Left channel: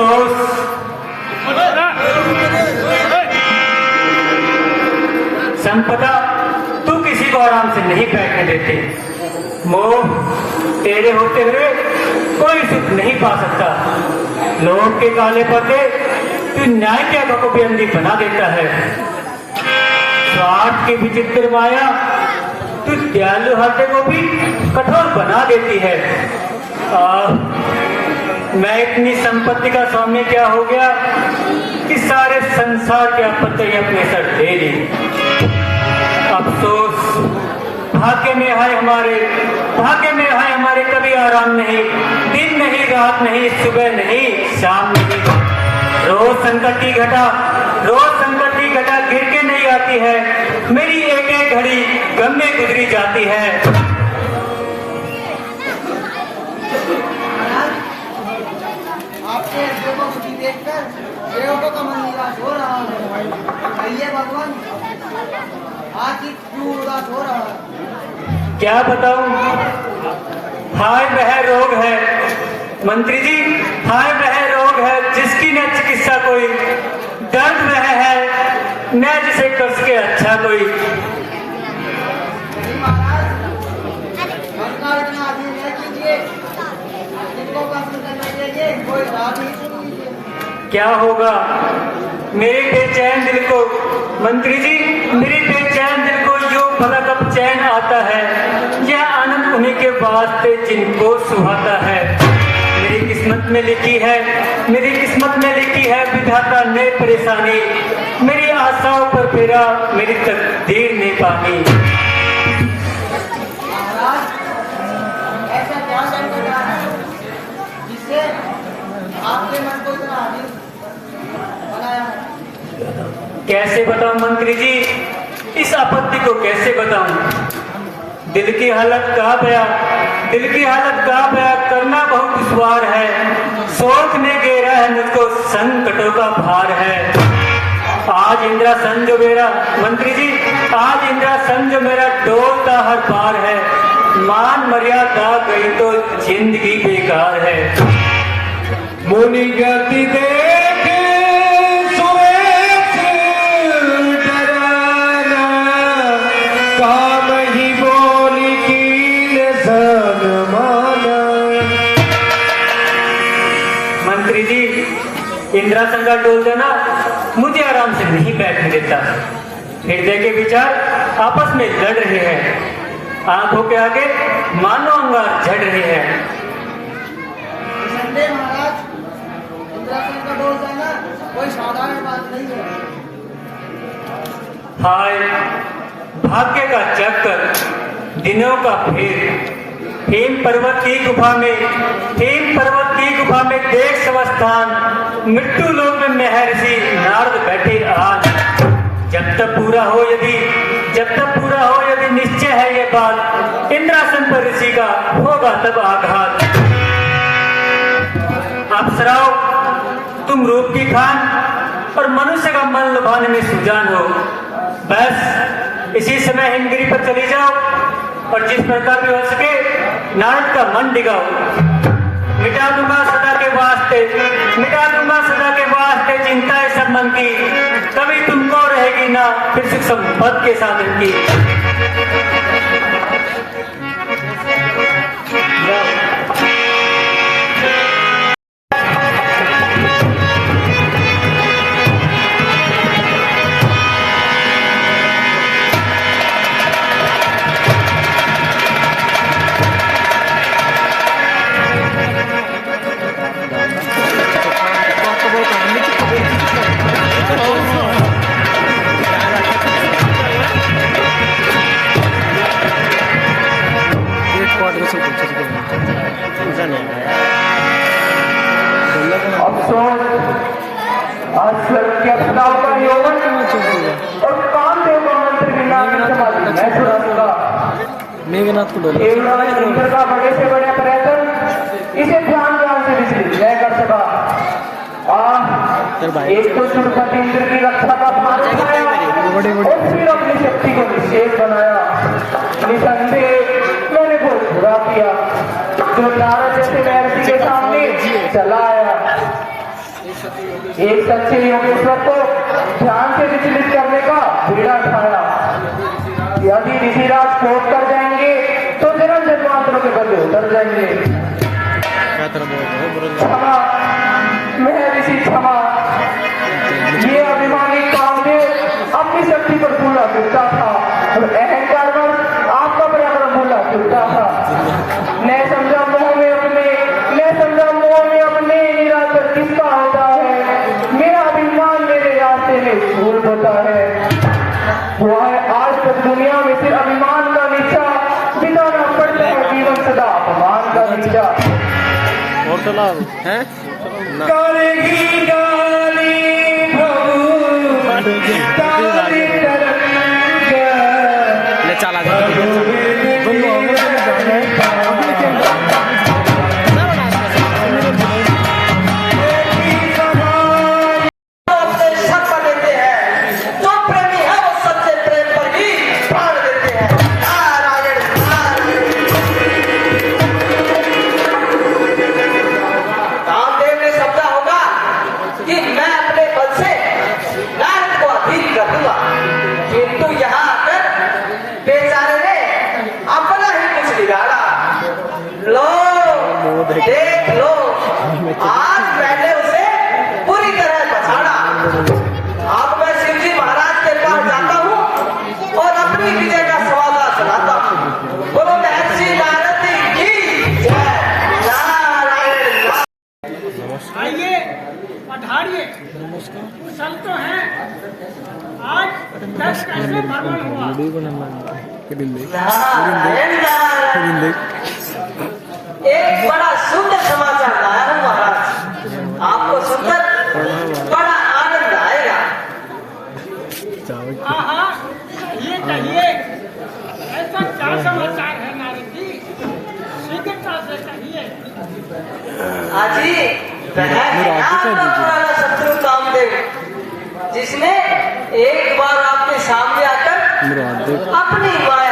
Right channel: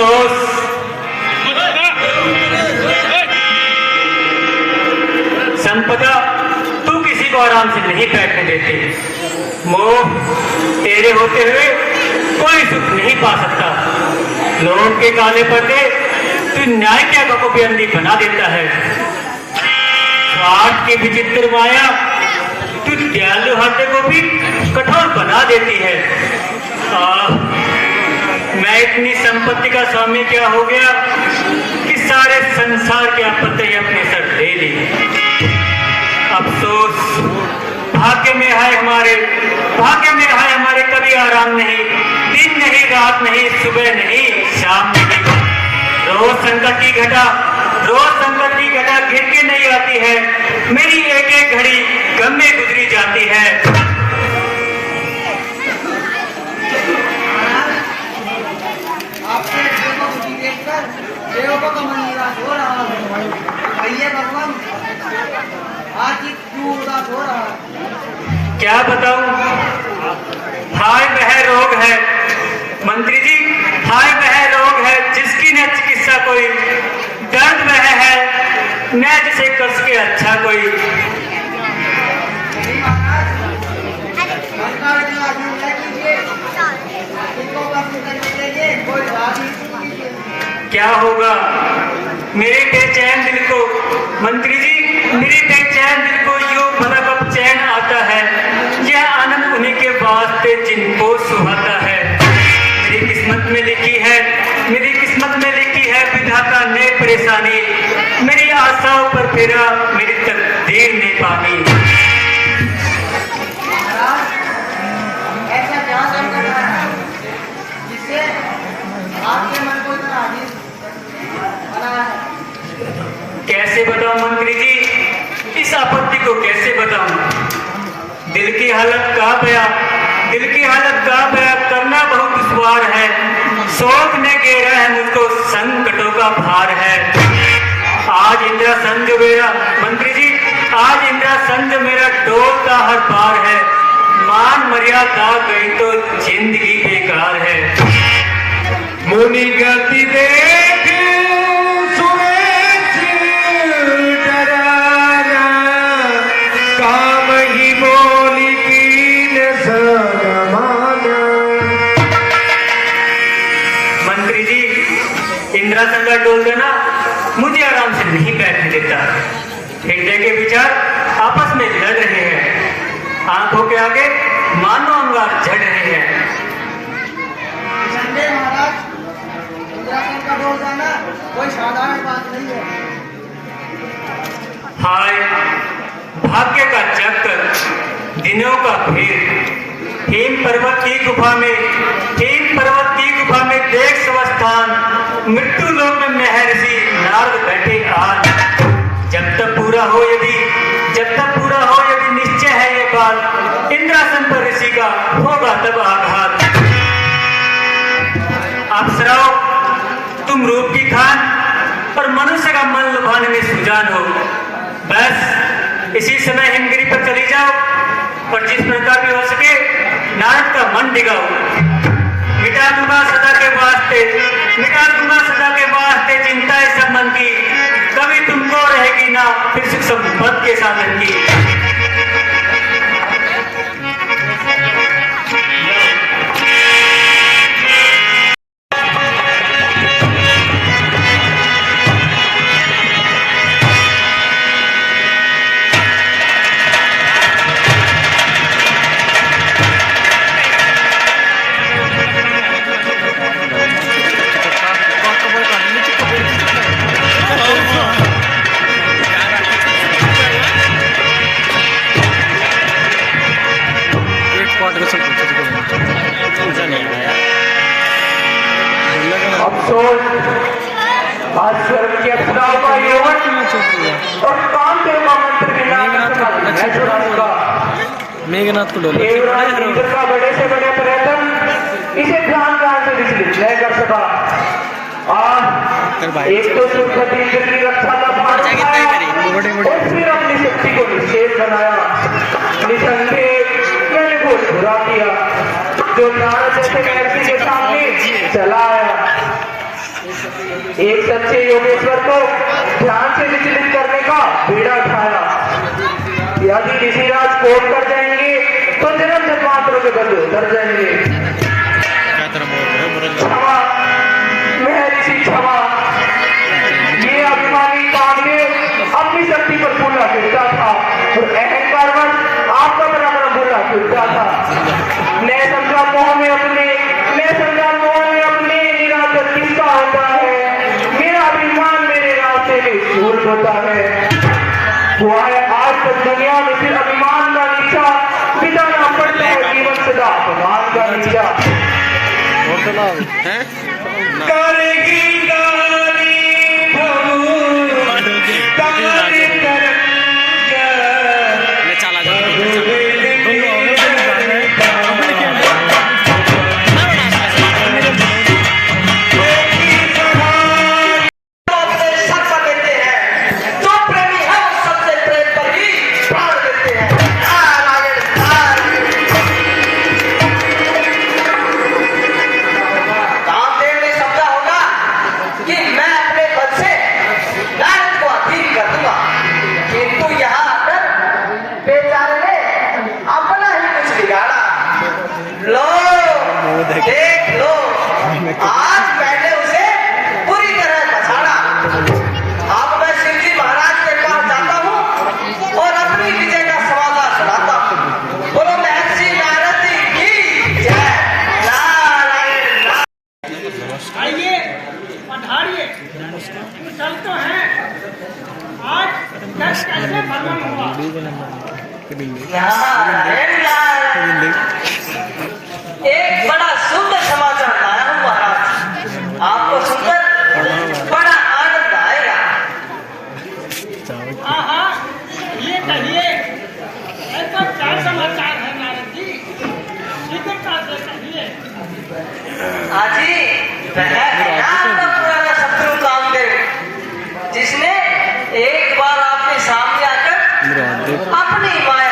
अफसोस संपदा तू किसी को आराम से नहीं बैठने देते। मोह तेरे होते हुए कोई सुख नहीं पा सकता। लोग के काले पर्दे तू न्याय के आग को भी अंधी बना देता है। स्वार्थ की विचित्र माया तू दयालु हाथे को भी कठोर बना देती है। मैं इतनी संपत्ति का स्वामी क्या हो गया कि सारे संसार के आपत्ति अपने सर ले ली। अफसोस भाग्य में है हमारे कभी आराम नहीं, दिन नहीं, रात नहीं, सुबह नहीं, शाम नहीं। रोज संकट की घटा गिर के नहीं आती है। मेरी एक एक घड़ी गम में गुजरी जाती है। आपके देखकर देवों का मन निराश हो रहा है। कहिए भगवान आज ही क्यों उदास हो रहा है? क्या बताऊं, हाय वह रोग है मंत्री जी, हाय वह रोग है जिसकी न चिकित्सा कोई, दर्द वह है न जिसे कस के अच्छा कोई। क्या होगा मेरे बेचैन दिल को मंत्री जी, मेरे बेचैन दिल को यूं भला कब चैन आता है। यह आनंद उन्हीं के वास्ते जिनको सुहाता है। मेरी किस्मत में लिखी है विधाता ने परेशानी। मेरी आशाओं पर फेरा मेरी तकदीर ने पानी। ऐसा क्या संकट है जिससे आपके मन को इतना आजीज बना है? कैसे बताऊं मंत्री जी, इस आपत्ति को कैसे बताऊं? दिल की हालत कहाँ बया करना बहुत दुश्वार है। शोक ने घेरा है मुझको, संकटों का भार है। आज इंदिरा संग मेरा मंत्री जी, आज इंदिरा संग मेरा डोलता हर बार है। मान मर्यादा गई तो जिंदगी बेकार है। मुनि गति देख सुरेश डराना, काम ही बोली कीन सनमाना। मंत्री जी, इंदिरा संगा डोल देना मुझे आराम से नहीं बैठने देता। हृदय के विचार आपस में लड़ रहे हैं, आंखों के आगे मानो अंगार झड़ रहे हैं। संजय महाराज, इंद्रासन का डोल जाना कोई साधारण बात नहीं है। हाय भाग्य का चक्कर, दिनों का फेर। हेम पर्वत की गुफा में देख स्वस्थान, मृत्यु लोक में महर्षि नारद बैठे आज। जब तक पूरा हो यदि निश्चय है ये बात, इंद्रासन पर ऋषि का होगा तब आघात। अप्सराओ तुम रूप की खान और मनुष्य का मन लुभाने में सुजान हो। बस इसी समय हिमगिरी पर चली जाओ और जिस प्रकार भी हो सके नारद का मन दिगाओ। मिटा दूंगा सदा के वास्ते चिंता है सब मन की। कभी तुमको रहेगी ना फिर सुख संपत्ति के साधन की। मेघनाथ को डोले बड़े से बड़े पर्यटन इसे ध्यान से विचलित कर सका। एक तो सुरक्षित इंद्र की रक्षा का पाठ किया और फिर अपनी शक्ति को निषेध बनाया। निसंदेह मैंने को बुरा किया जो नारद जैसे महर्षि के सामने चला आया। एक सच्चे योगेश्वर को ध्यान से विचलित करने का बीड़ा उठाया। यदि ऋषिराज कोप कर जाएंगे तो जन्म जन्मांतर के बल उतर जाएंगे। क्षमा, मैं ऋषि क्षमा। ये अभिमानी कामदेव अपनी शक्ति पर फूला फूलता था और अहंकारवश आपका बराबर फूला फूलता था। मैं संग्राम मोह में अपने निराकर किसका होता है। मेरा अभिमान मेरे रास्ते में झूठ होता है। हुआ है आज तक दुनिया में सिर्फ अभिमान का नीचा बिताना पड़ता है जीवन सदा अपमान का नीचा। और चला करेगी गाली प्रभु तारे तरंगा चला दोनों जाना देख लो, आज मैंने उसे पूरी तरह बचाना। अब मैं शिवजी महाराज के पास जाता हूँ और अपनी विजय का समाधान सुनाता हूँ। बोलो महर्षि नारद की जय। आइए, पधारिए। कुशल तो हैं। आज दस कैसे भ्रमण हुआ? एक बड़ा सुंदर समाचार लाया हूँ महाराज। आपको सुनकर बड़ा आनंद आएगा। हाँ हाँ, ये कहिए, ऐसा क्या समाचार है नारद जी? शीघ्रता से कहिए। आजी, वह है आपका पुराना शत्रु कामदेव, जिसने एक बार आपके सामने आकर अपनी माया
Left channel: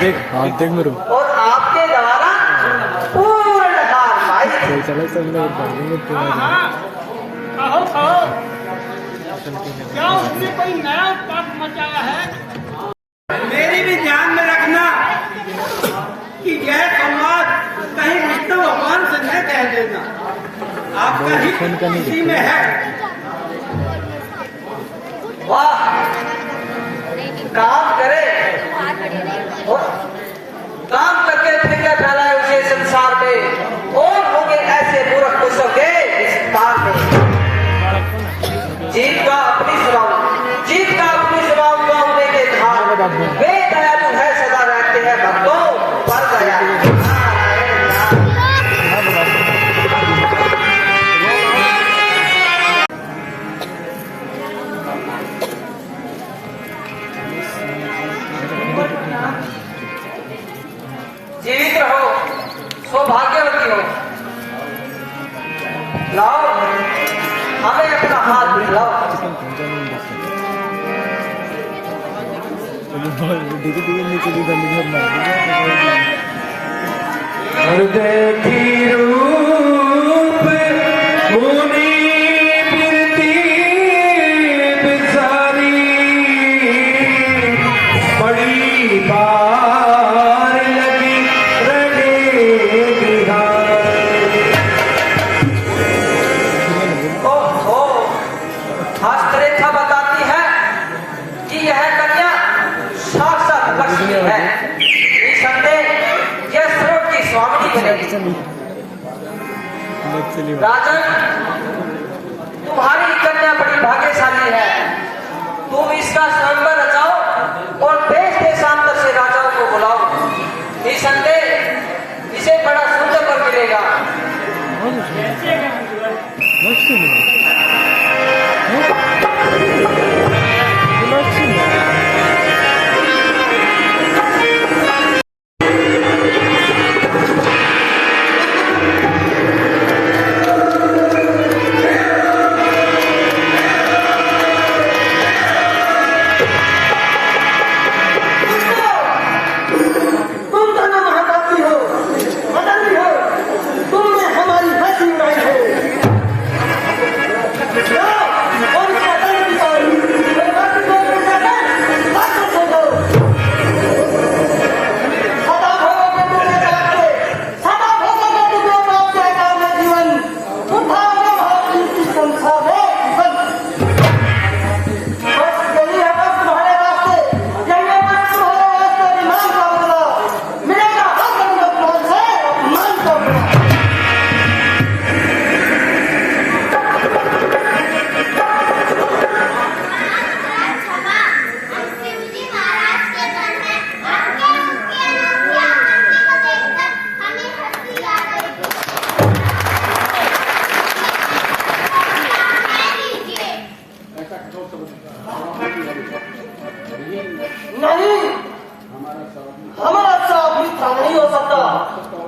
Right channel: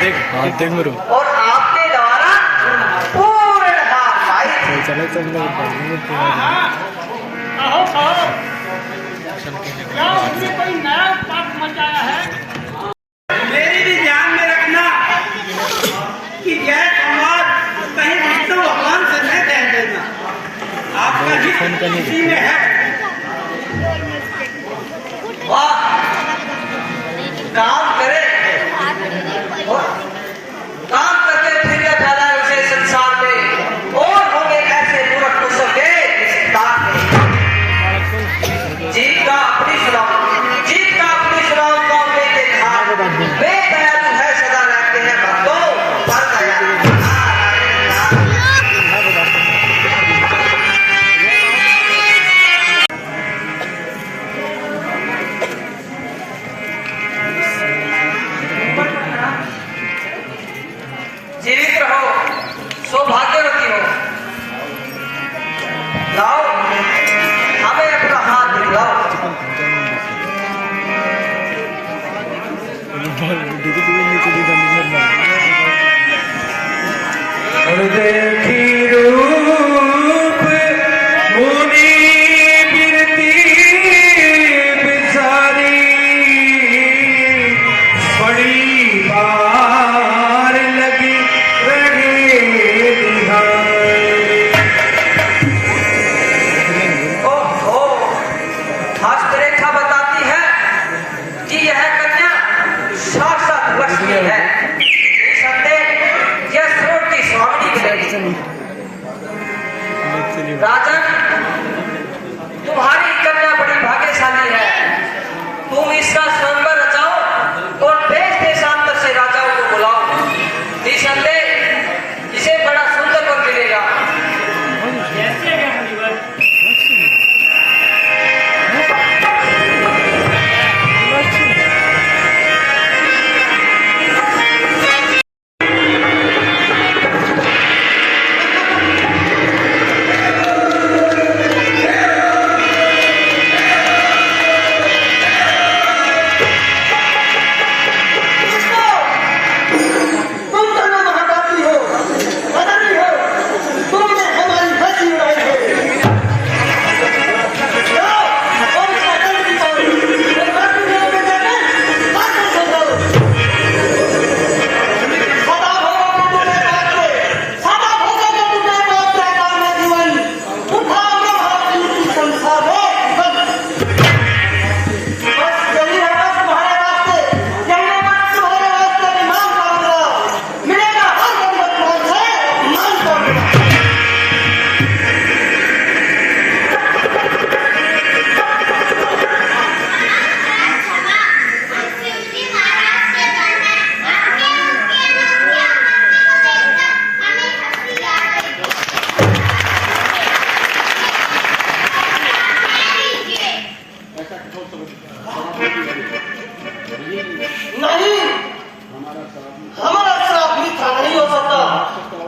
दिखाई और आपके द्वारा पूर्ण हार पाई। हाँ हाँ, कहो कहो, क्या उसने कोई नया उत्पाद मचाया है? मेरी भी ध्यान में रखना कि यह संवाद कहीं विष्णु भगवान से न कह देना। आपका हित इसी में है। वाह, काम करे और काम करके फिर क्या फैला उसे संसार में और होंगे ऐसे मूर्ख पुरुषों के विस्तार में। जीत का अपनी सुनाओ तो हमने देखा। वे दयालु है, सदा रहते हैं भक्तों पर दया। जीवित रहो, सौभाग्यवती हो। लाओ, हमें अपना हाथ दिखाओ। देखी रूप मुनि बिरती बिचारी बड़ी बार लगी रहे ओहो, हस्तरेखा बताती है कि यह कन्या साक्षात लक्ष्मी है। निसंदेह यह स्रोत की स्वामिनी बनेगी। राजन, तुम्हारी कन्या बड़ी भाग्यशाली है। तुम इसका स्वयंवर रचाओ और देश देशांतर से राजाओं को बुलाओ। निसंदेह इसे बड़ा सुंदर पर मिलेगा।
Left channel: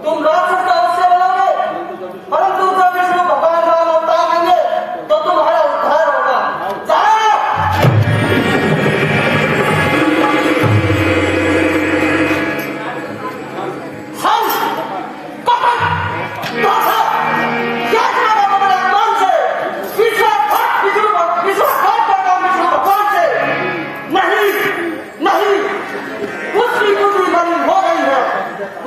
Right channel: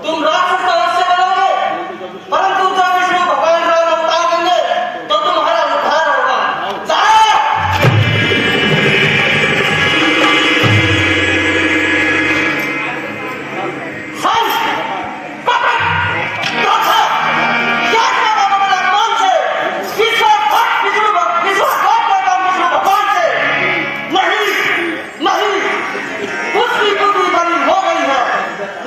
तुम राक्षस तो अवश्य बनोगे, परंतु जब विष्णु भगवान राम अवतार लेंगे तो तुम्हारा उद्धार होगा। जाओ। हंस, पकड़, धोखा, क्या करेगा तुम्हारे अपमान से? विश्वासघात करता हूं विष्णु भगवान से। नहीं, नहीं, उसकी बुद्धि बनी हो गई है,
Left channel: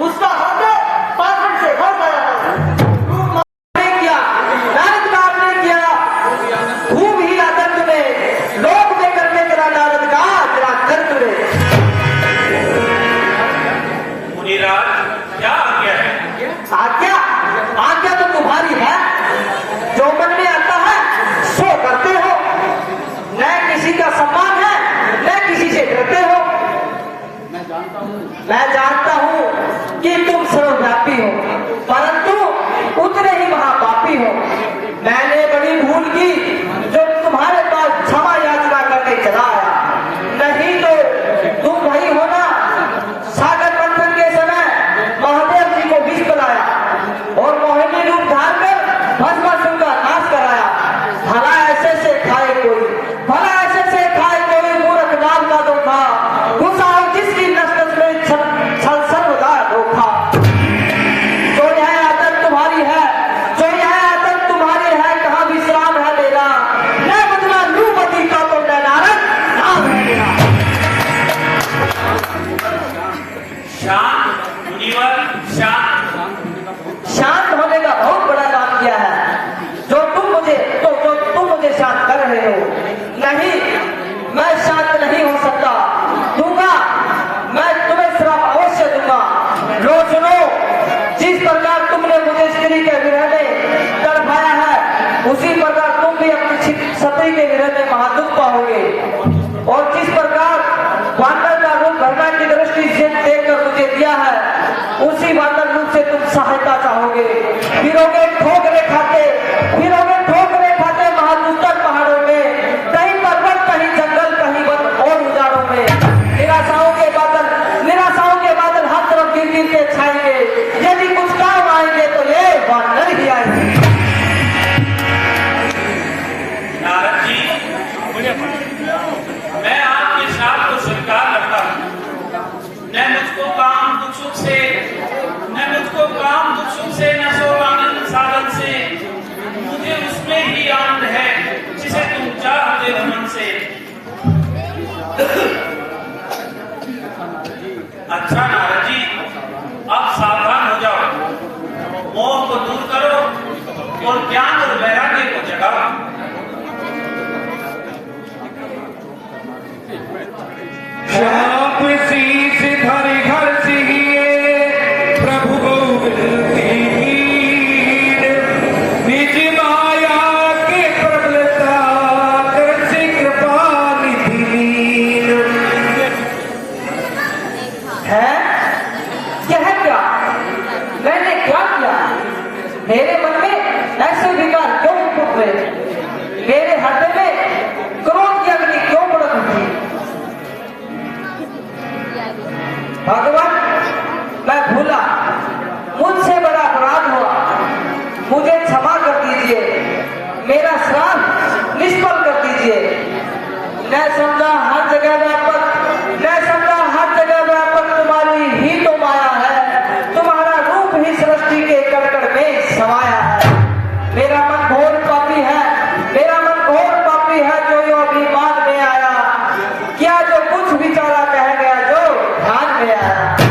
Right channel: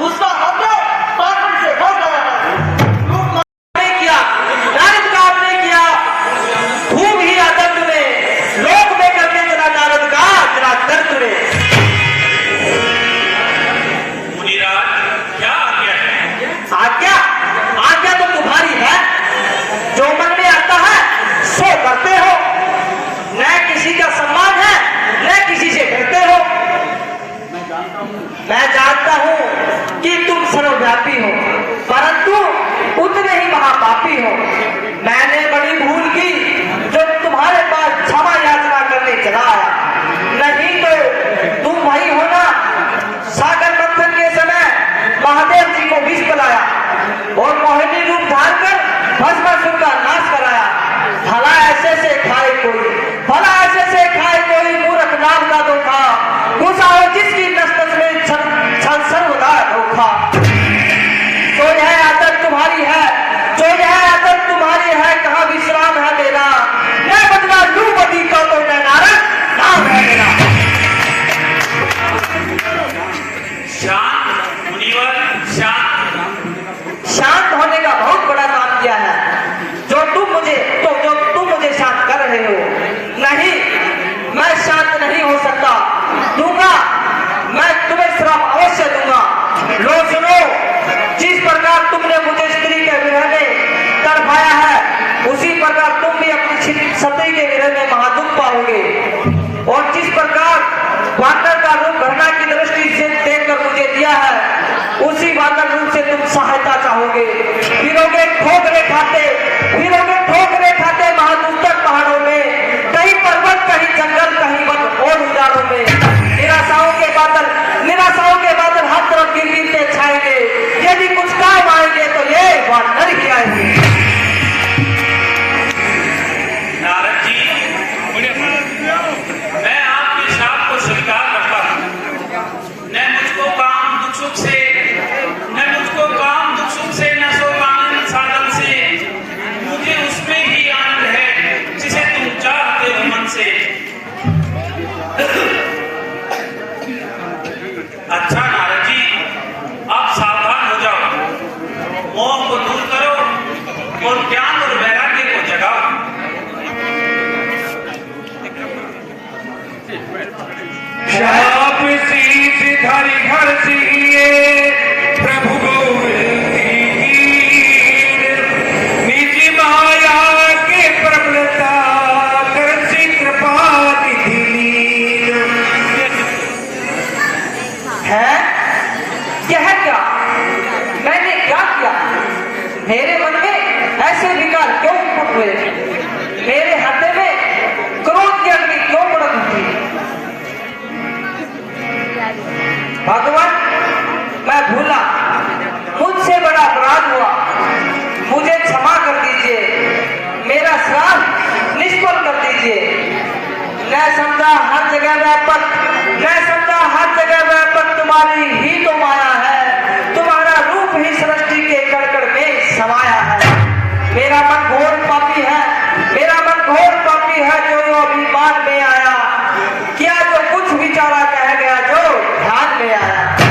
उसका हृदय पागल से भर गया है। आपने किया, नारद का आपने किया, खूब ही आदर तुम्हें, लोक में करने चला नारद का जरा दर्द तुम्हें। मुनिराज, क्या आज्ञा है? आज्ञा, आज्ञा तो तुम्हारी है, जो मन में आता है सो करते हो, न किसी का सम्मान है न किसी से डरते हो। मैं जानता हूं कि तुम सर्वव्यापी हो, परंतु उतने ही महापापी हो। मैंने बड़ी भूल की जो तुम्हारे पास क्षमा याचना करने चला आया, नहीं तो तुम वही हो ना सागर मंथन के समय महादेव जी को विष पिलाया और मोहिनी रूप धार कर भस्मासुर का नाश कराया। भला ऐसे से खाए कोई, भला ऐसे से खाए कोई मूर्ख नाम का धोखा, घुसाओ जिसकी नस नस में छल सर्वदा धोखा। जो यह आदत तुम्हारी है, जो यह आदत तुम्हारी है, कहाँ विश्राम है तेरा? मैं बदला लू बदी का तो मैं नारद नाम है मेरा। शांत मुनिवर, शांत। शांत होने का बहुत बड़ा काम किया है जो तुम मुझे शांत कर रहे हो। नहीं, मैं शांत नहीं हो सकता, दूंगा, मैं तुम्हें श्राप अवश्य दूंगा। लो सुनो, जिस प्रकार तुमने मुझे स्त्री के विरह में तड़पाया है, उसी प्रकार तुम भी अपनी सती के विरह में महादुख पाओगे। और जिस प्रकार वानर का रूप घटना की दृष्टि से देखकर मुझे दिया है, उसी वानर रूप से तुम सहायता चाहोगे। फिरोगे ठोकरे खाते महादुष्ट पहाड़ों में, कहीं पर्वत, कहीं जंगल, कहीं वन और उजाड़ों में। निराशाओं के बादल हर तरफ गिर गिर के छाएंगे। यदि कुछ काम आएंगे तो ये वानर ही आएंगे। नारद जी, मैं आपके शाप को स्वीकार करता हूँ। न मुझको काम दुख सुख से, न सो आनंद साधन से, मुझे उसमें ही आनंद है जिसे तुम चाहते हो मन से। अच्छा नारद जी, अब सावधान हो जाओ, मोह को दूर करो और ज्ञान और वैराग्य को जगाओ। शाप शीश धरि घर सिहिए प्रभु गोविंद निज माया के प्रबलता कर कृपा निधि है। यह क्या, मैंने क्या किया? मेरे मन में ऐसे विकार क्यों उठ रहे? मेरे हृदय में क्रोध की अग्नि क्यों भड़क उठी? भगवान, मैं भूला, मुझसे बड़ा अपराध हुआ, मुझे क्षमा कर दीजिए, मेरा श्राप निष्फल कर दीजिए। मैं समझा हर जगह व्यापक तुम्हारी ही तो माया है, तुम्हारा रूप ही सृष्टि के कण में समाया है। मेरा मन घोर पापी है, जो अभिमान में आया, क्या जो कुछ विचारा कह गया जो ध्यान में आया।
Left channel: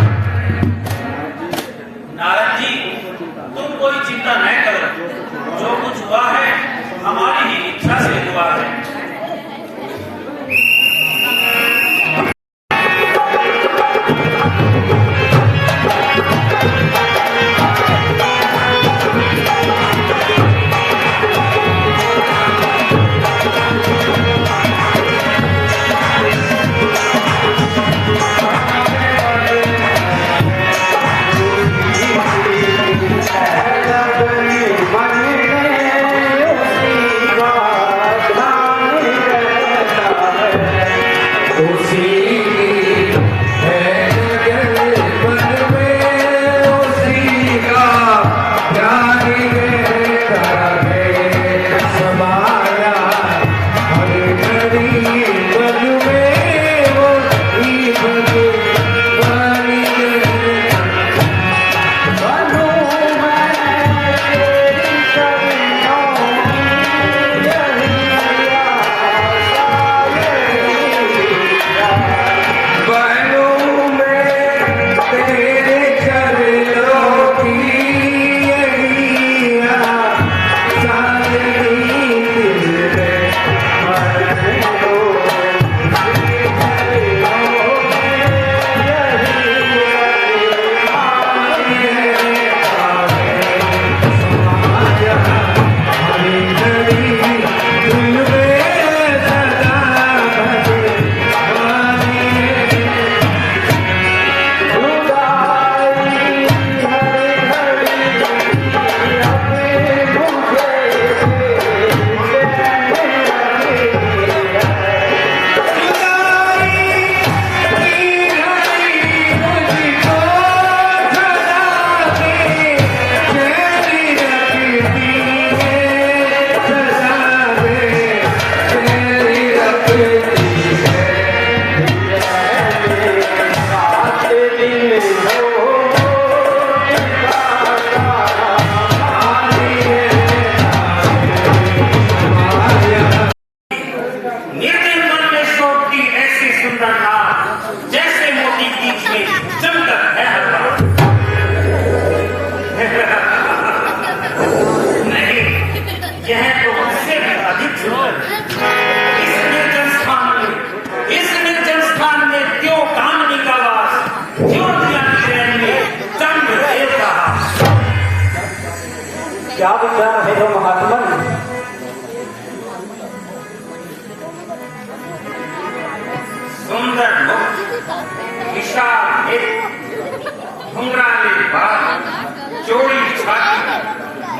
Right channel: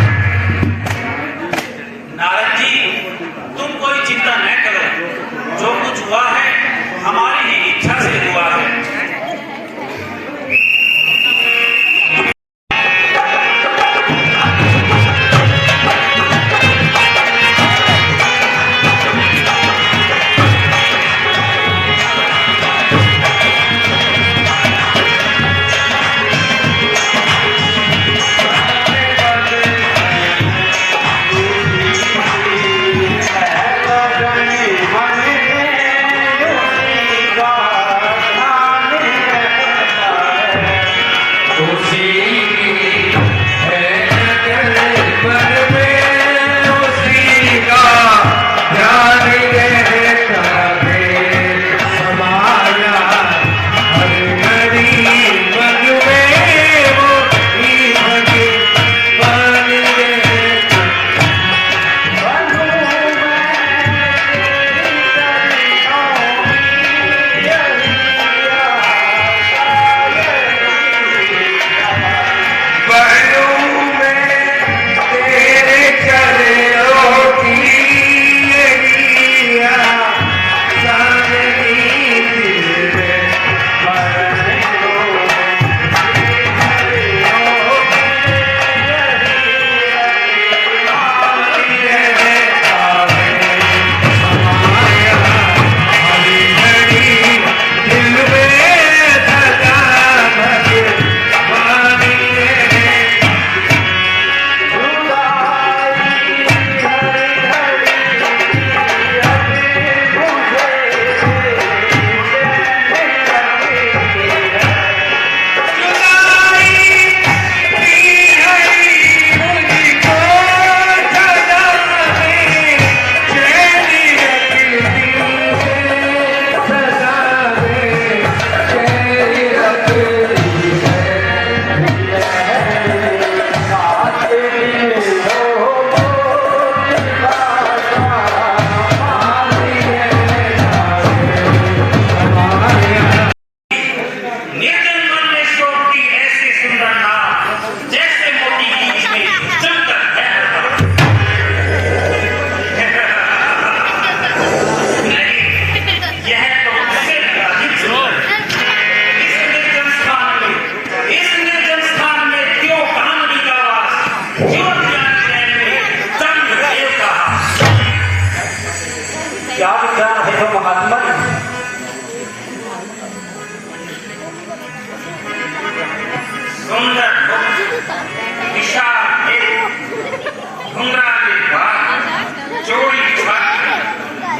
निर्जन वन में शोभती ऐसी सुंदर नाव, जैसे मोती बीच में जमकर बहता। नहीं, यह तो उससे भी अधिक सुंदर। इस निर्जन स्थान में क्यों कामनी का वास, क्यों ध्यान ध्यान में चंद्रदेव का हास। क्या विचार है हो महात्मा? सुंदर मुख, विशाल नेत्र, घुंघराले बाल, चौड़ी छाती,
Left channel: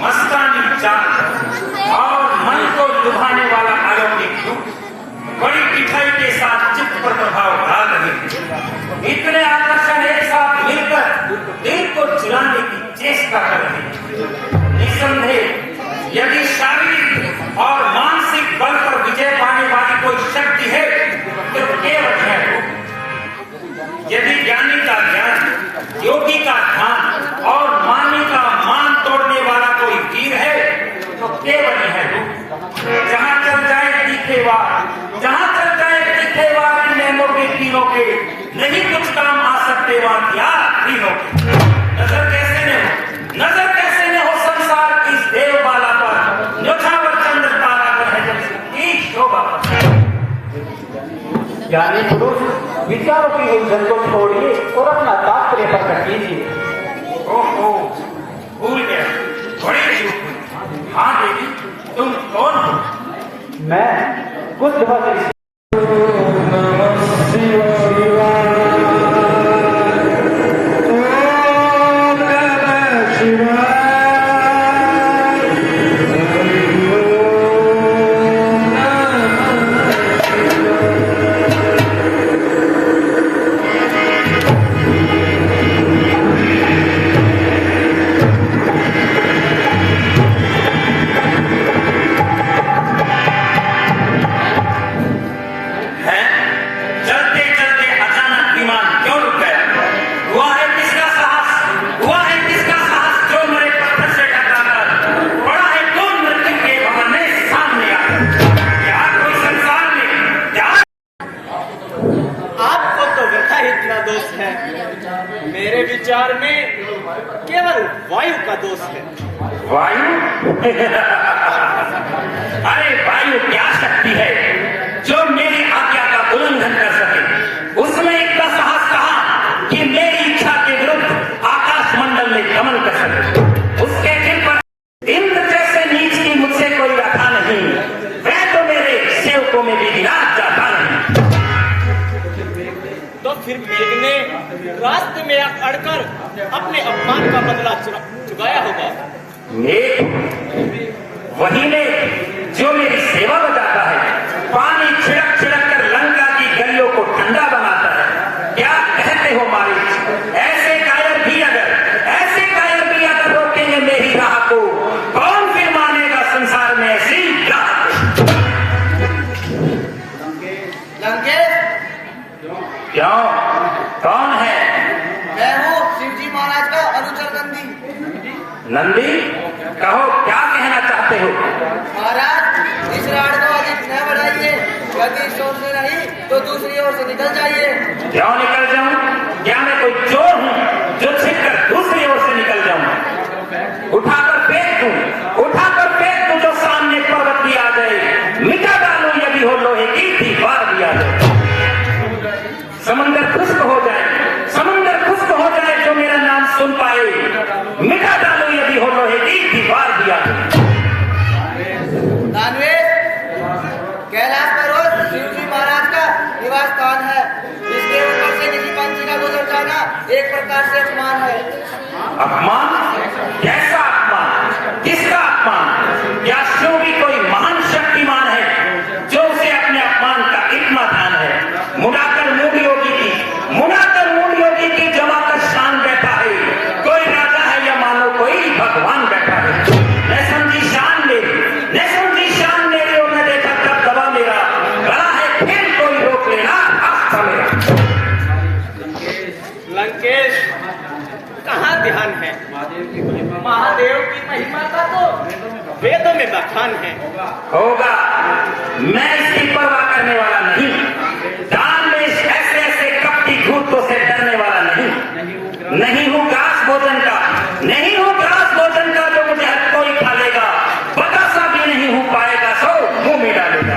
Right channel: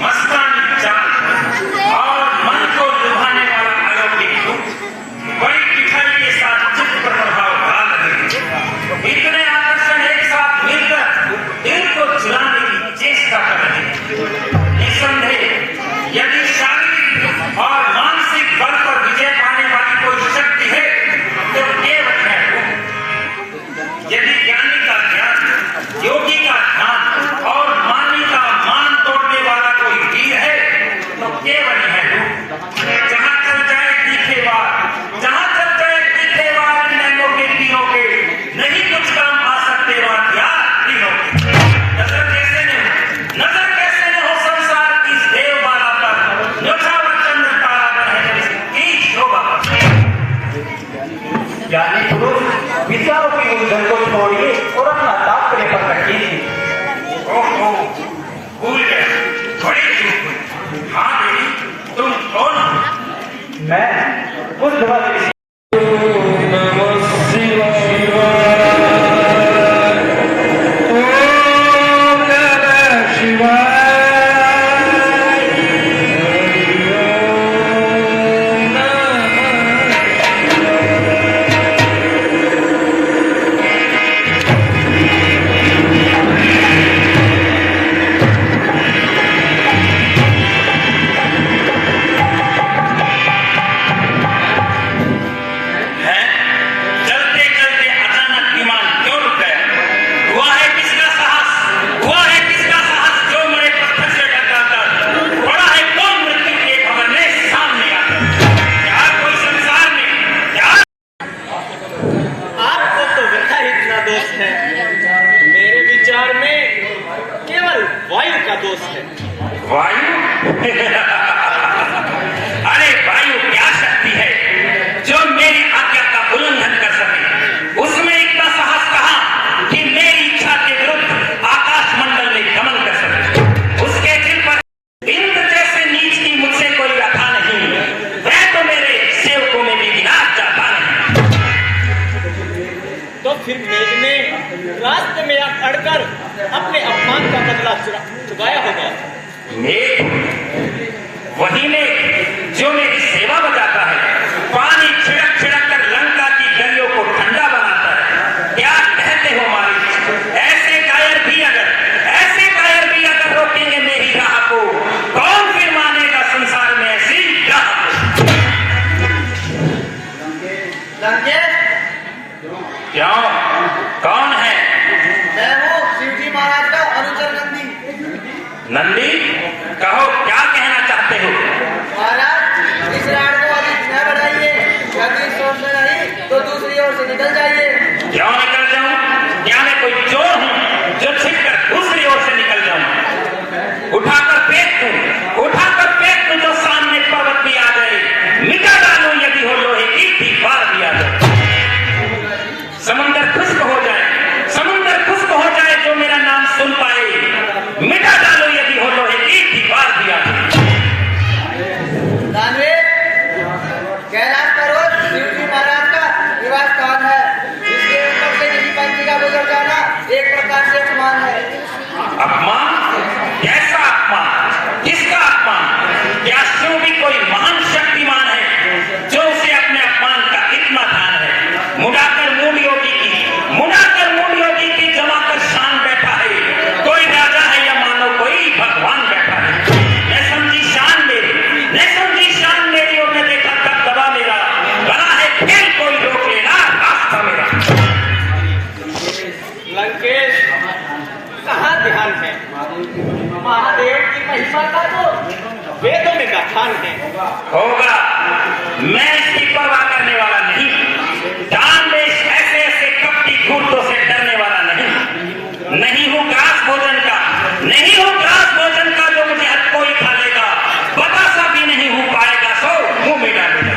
मस्तानी चाल और मन को लुभाने वाला अलौकिक रूप, बड़ी मिठाई के साथ चित्त पर प्रभाव डाल रहे। इतने आकर्षण एक साथ मिलकर दिल को चुराने की चेष्टा कर रहे। निसंदेह यदि शारीरिक और मानसिक बल पर विजय पाने वाली कोई शक्ति है तो केवल है। यदि ज्ञानी का ज्ञान, योगी का ध्यान और मानी का मान तोड़ने वाला कोई वीर है तो केवल है। जहां चल जाए तीखेवार, जहां चल जाए तीखेवार नैनों के तीरों के, नहीं कुछ काम आ सकते वहां क्या तीरों के। नजर कैसे न हो संसार की इस देवमाला पर, न्योछावर चंद्र तारा है की शोभा। ज्ञानी पुरुष विचारों की उलझन को छोड़िए और अपना तात्पर्य पर रखिए। ओहो, भूल गए, बड़ी चूक। हाँ बेटी, तुम कौन हो? मैं कुछ दिनों से मेरे विचार में केवल वायु का दोष है। वायु? अरे वायु क्या शक्ति है जो मेरी आज्ञा का उल्लंघन कर सके। उसमें इतना साहस कहा कि मेरी इच्छा के विरुद्ध आकाश मंडल में गमन कर सके। उसके दिल पर इंद्र जैसे नीच की मुझसे कोई रखा नहीं। वह तो मेरे सेवकों में भी विनाश चाहता नहीं। तो फिर मेघ ने रास्ते में अड़कर अपने अपमान का बदला चुकाया होगा। मेघ? वही ने जो मेरी सेवा बजाता है, पानी छिड़क छिड़क कर लंका की गलियों को ठंडा बनाता है। क्या कहते हो मालिक? ऐसे कायर भी अगर रोकेंगे मेरी राह को, कौन फिर मानेगा संसार में ऐसी राह? लंकेश, क्यों? कौन है? मैं हूँ शिवजी महाराज का अनुचर नंदी। नंदी, कहो क्या कहना चाहते हो? महाराज, इस राड को अधिक न बढ़ाइए। यदि इस ओर से नहीं तो दूसरी ओर से निकल जाइए। क्यों निकल जाऊं? क्या मैं कोई चोर हूं जो छिपकर दूसरी ओर से निकल जाऊं? उठाकर फेंक दूं तो सामने पर्वत भी आ जाए, मिटा डालूं यदि हो लोहे की दीवार भी आ जाए। समंदर खुश्क हो जाए जो मेरा नाम सुन पाए, मिटा डालूं यदि हो लोहे की दीवार भी आ जाए। दानवीर, कैलाश पर्वत शिवजी महाराज का निवास स्थान है। इसके ऊपर से किसी पंछी का गुजर जाना एक प्रकार से अपमान है। अपमान? कैसा अपमान? किसका अपमान? क्या शिव भी कोई महान शक्तिमान है जो उसे अपने अपमान का इतना ध्यान है? मुड़ाकर मूड योगी की जमाकर शान बैठा है। कोई राजा है या मानो कोई भगवान बैठा है। न समझी शान मेरी और न देखा तब दबा मेरा। बड़ा है खेल, कोई रोक लेना रास्ता मेरा। लंकेश, कहाँ ध्यान है? महादेव की महिमा का तो वेदों में बखान है। होगा, मैं इसकी परवाह करने वाला नहीं। दान में ऐसे ऐसे कपटी भूतों से डरने वाला नहीं हूँ ग्रास भोजन का, नहीं हूँ ग्रास भोजन का जो मुझे हर कोई खा लेगा। बतासा भी नहीं हूँ पाएगा सो मुंह में डालेगा।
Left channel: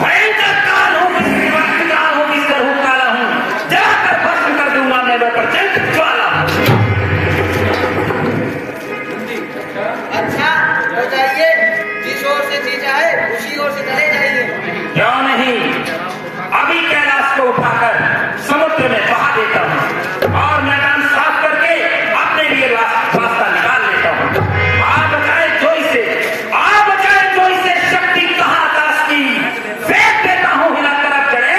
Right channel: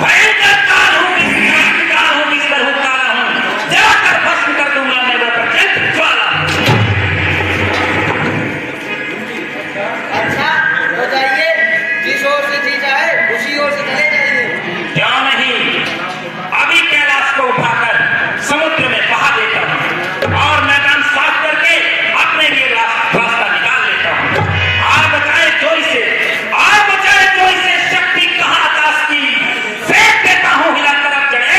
भयंकर काल हूँ, बिस्तर हूँ, काला हूँ, जाकर भस्म कर दूंगा मैं वह प्रचंड ज्वाला। अच्छा हो जाइए, जिस ओर से जी जाए उसी ओर से चले जाइए। क्यों नहीं, अभी कैलाश को उठाकर समुद्र में बहा देता हूँ और मैदान साफ करके अपने लिए रास्ता निकाल लेता हूँ। आप बचाए जोई से शक्ति कहाँ आकाश की, फेंक देता हूँ हिला तरफ चढ़े।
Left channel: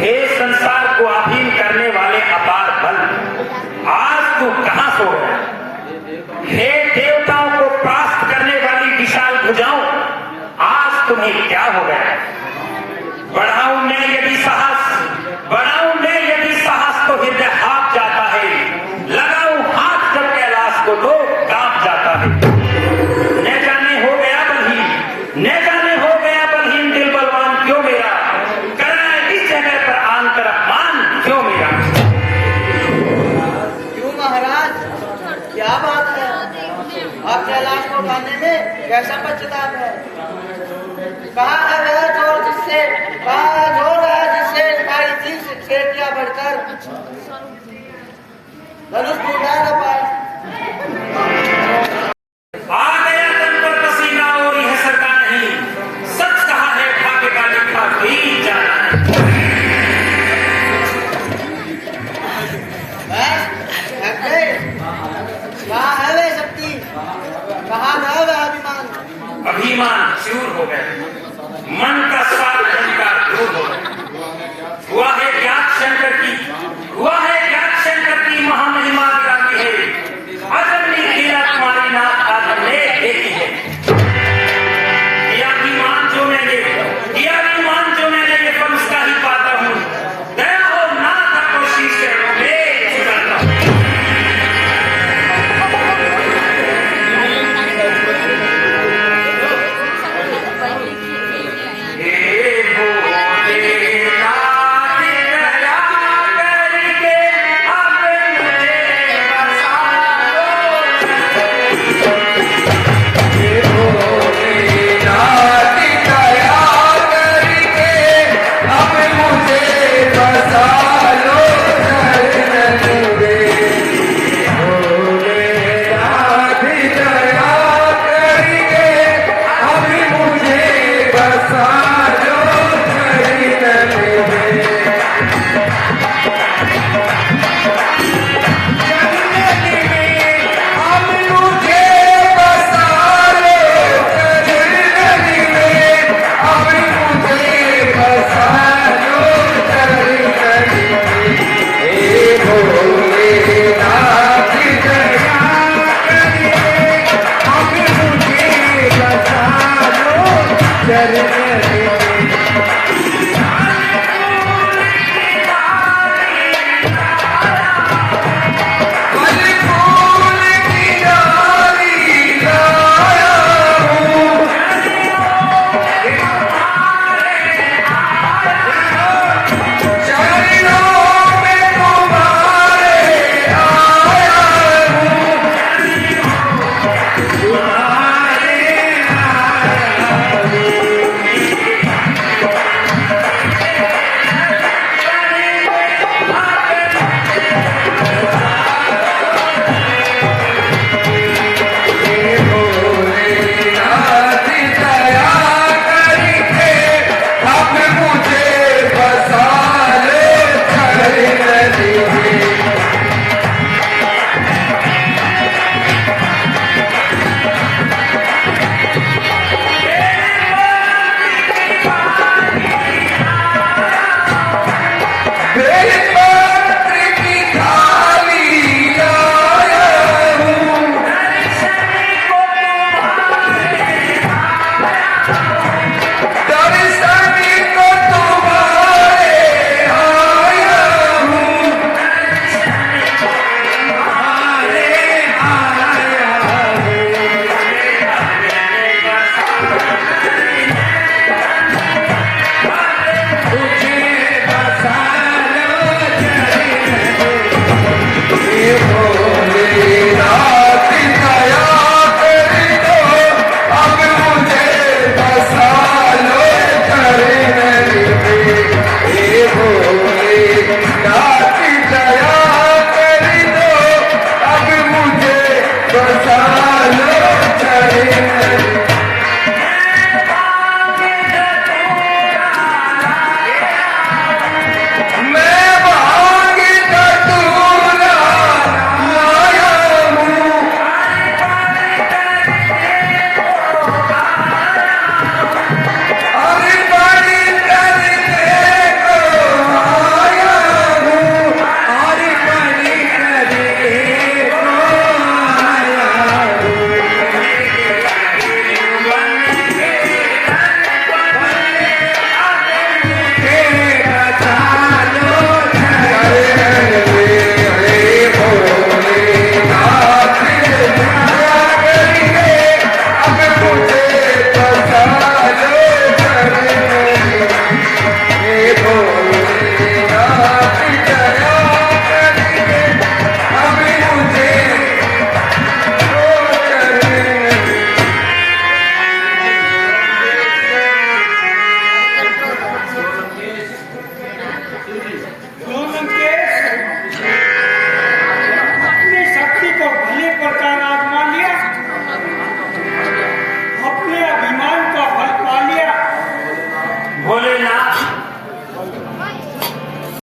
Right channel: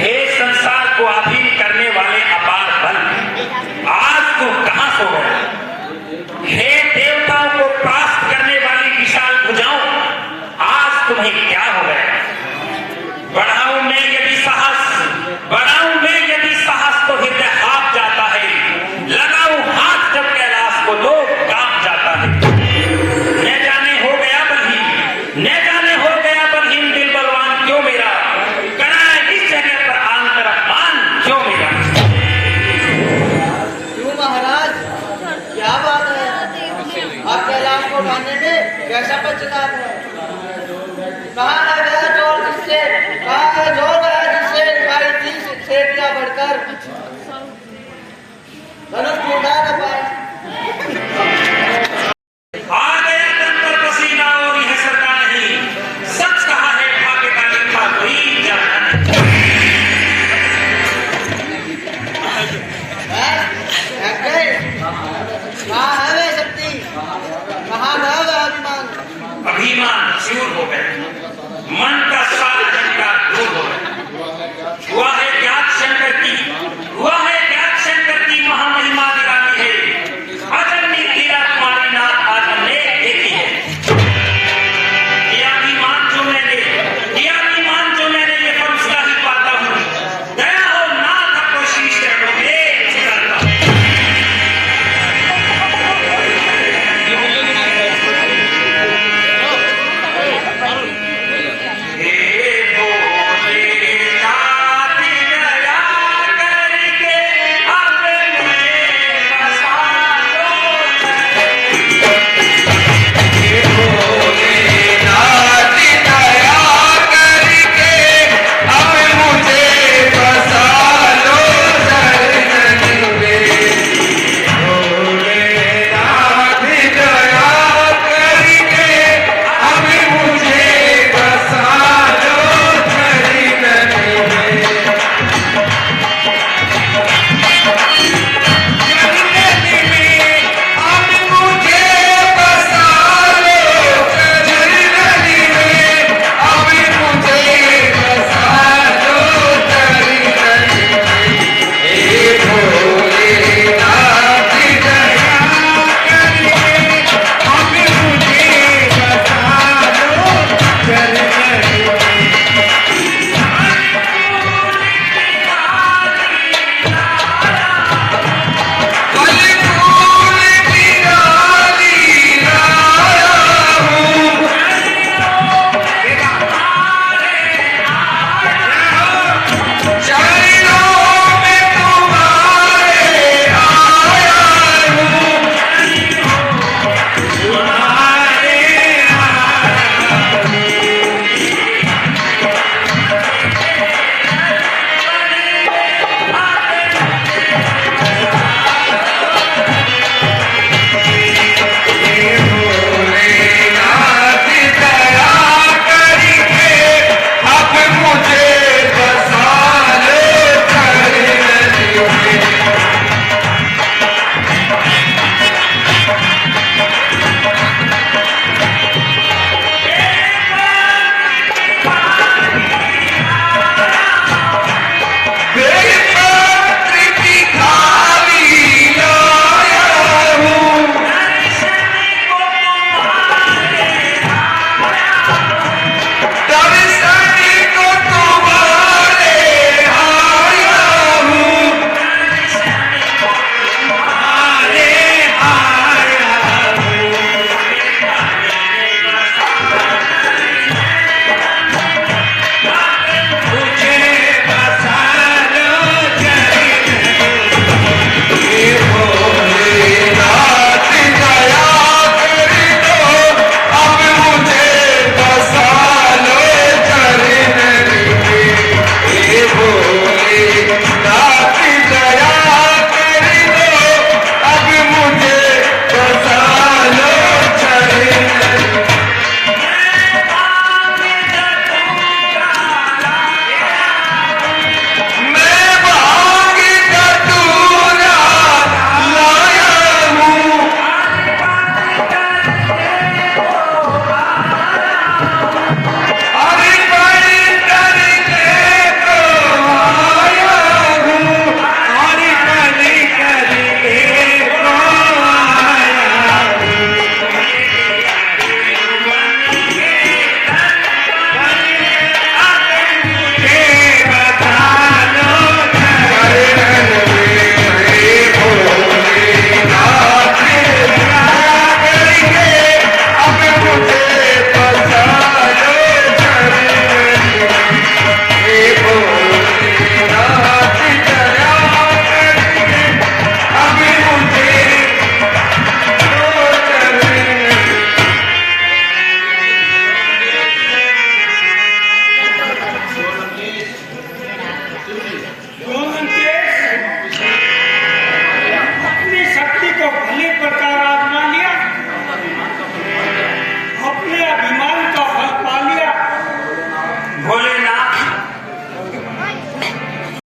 हे संसार को अधीन करने वाले अपार बल, आज तू कहां सो गए? हे देवताओं को परास्त करने वाली विशाल भुजाओं, आज तुम्हें क्या हो गया? बढ़ाऊं मैं यदि साहस तो हृदय हाथ जाता है। लगाऊं हाथ जब कैलाश को तो कांप जाता है। न जाने हो गया बलहीन दिल बलवान क्यों मेरा, कराए इस जगह पर आंतर अपमान क्यों मेरा। क्यों महाराज, क्या बात है? आप कैलाश को ढाने में कैसा पश्चाताप है? कहाँ है गया जोर जिससे खाई थी सेठ का बढ़कर धनुष टूटा